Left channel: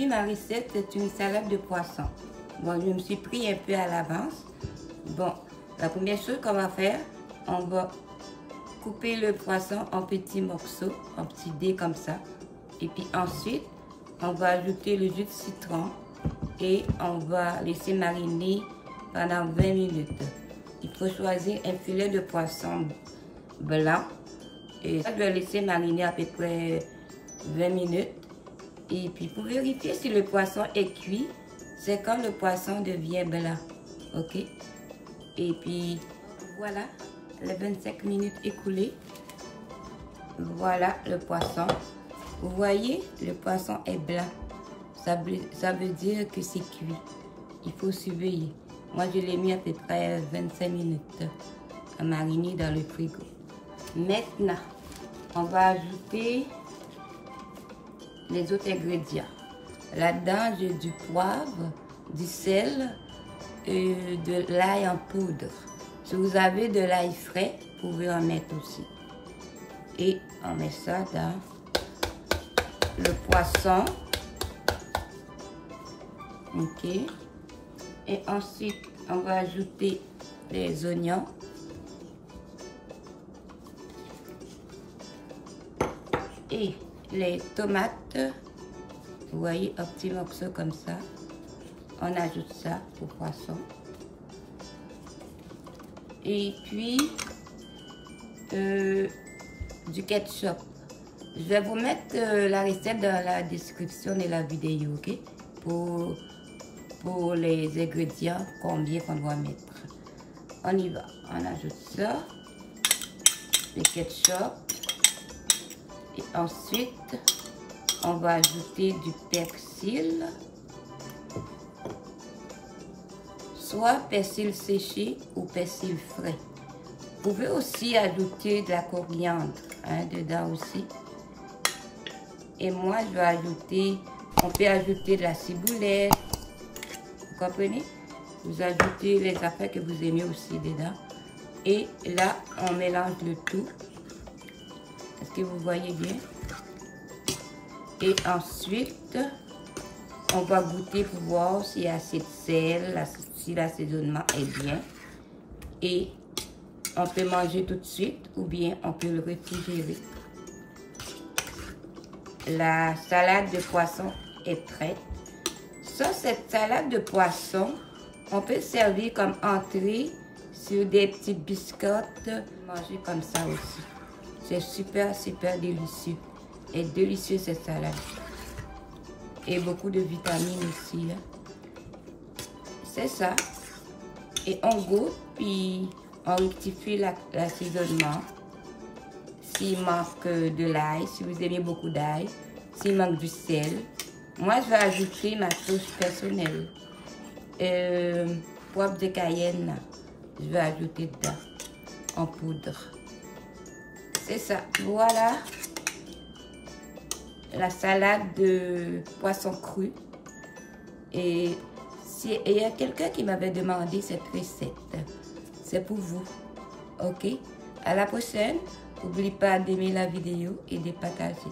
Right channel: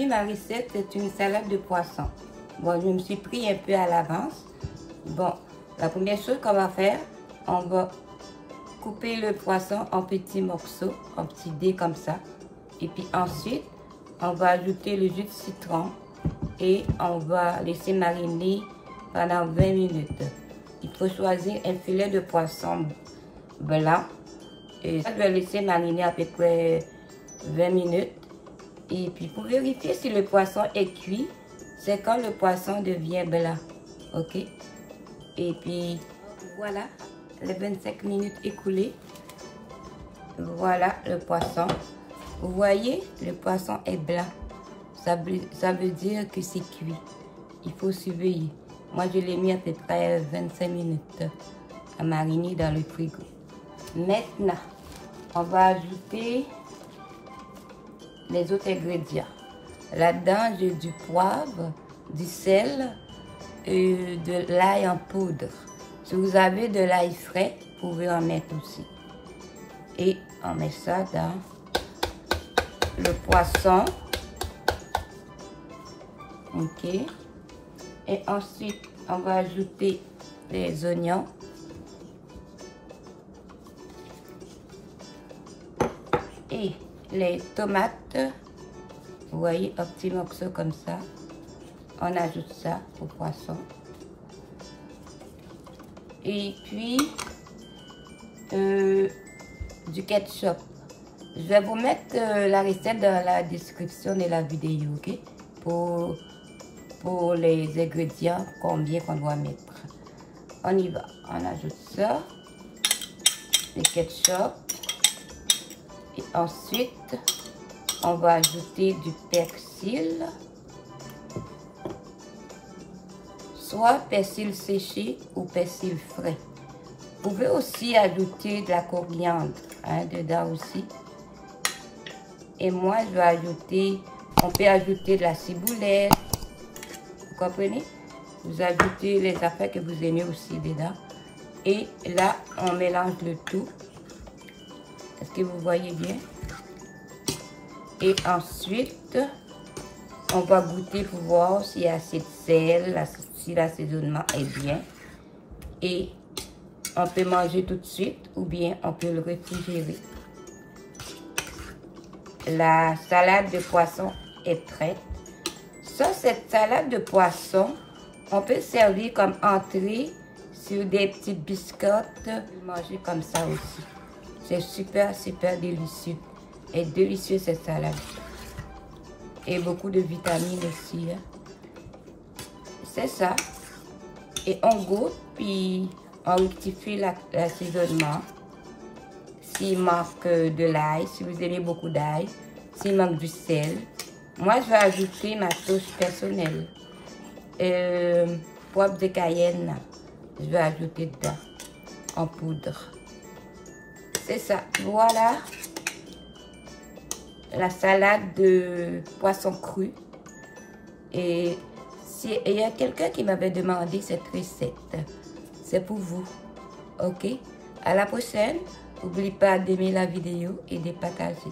Aujourd'hui, ma recette, c'est une salade de poisson. Bon, je me suis pris un peu à l'avance. Bon, la première chose qu'on va faire, on va couper le poisson en petits morceaux, en petits dés comme ça. Et puis ensuite, on va ajouter le jus de citron et on va laisser mariner pendant 20 minutes. Il faut choisir un filet de poisson blanc. Et ça, je vais laisser mariner à peu près 20 minutes. Et puis pour vérifier si le poisson est cuit, c'est quand le poisson devient blanc. Ok? Et puis voilà, les 25 minutes écoulées. Voilà le poisson. Vous voyez, le poisson est blanc. Ça veut dire que c'est cuit. Il faut surveiller. Moi, je l'ai mis à peu près 25 minutes à mariner dans le frigo. Maintenant, on va ajouter les autres ingrédients. Là-dedans, j'ai du poivre, du sel et de l'ail en poudre. Si vous avez de l'ail frais, vous pouvez en mettre aussi. Et on met ça dans le poisson. Ok. Et ensuite, on va ajouter les oignons. Et les tomates. Vous voyez, un petit morceau comme ça. On ajoute ça au poisson. Et puis, du ketchup. Je vais vous mettre la recette dans la description de la vidéo, ok? Pour les ingrédients, combien qu'on doit mettre. On y va. On ajoute ça. Le ketchup. Et ensuite, on va ajouter du persil. Soit persil séché ou persil frais. Vous pouvez aussi ajouter de la coriandre dedans aussi. Et moi, je vais ajouter, on peut ajouter de la ciboulette. Vous comprenez? Vous ajoutez les affaires que vous aimez aussi dedans. Et là, on mélange le tout. Est-ce que vous voyez bien? Et ensuite, on va goûter pour voir s'il y a assez de sel, si l'assaisonnement est bien. Et on peut manger tout de suite ou bien on peut le réfrigérer. La salade de poisson est prête. Ça, cette salade de poisson, on peut servir comme entrée sur des petites biscottes. Manger comme ça aussi. C'est super, super délicieux. Et délicieux cette salade. Et beaucoup de vitamines aussi. Hein. C'est ça. Et on goûte, puis on rectifie l'assaisonnement. S'il manque de l'ail, si vous aimez beaucoup d'ail, s'il manque du sel. Moi, je vais ajouter ma touche personnelle. Poivre de Cayenne, je vais ajouter dedans, en poudre. C'est ça. Voilà la salade de poisson cru. Et il y a quelqu'un qui m'avait demandé cette recette. C'est pour vous. Ok? À la prochaine. N'oubliez pas d'aimer la vidéo et de partager.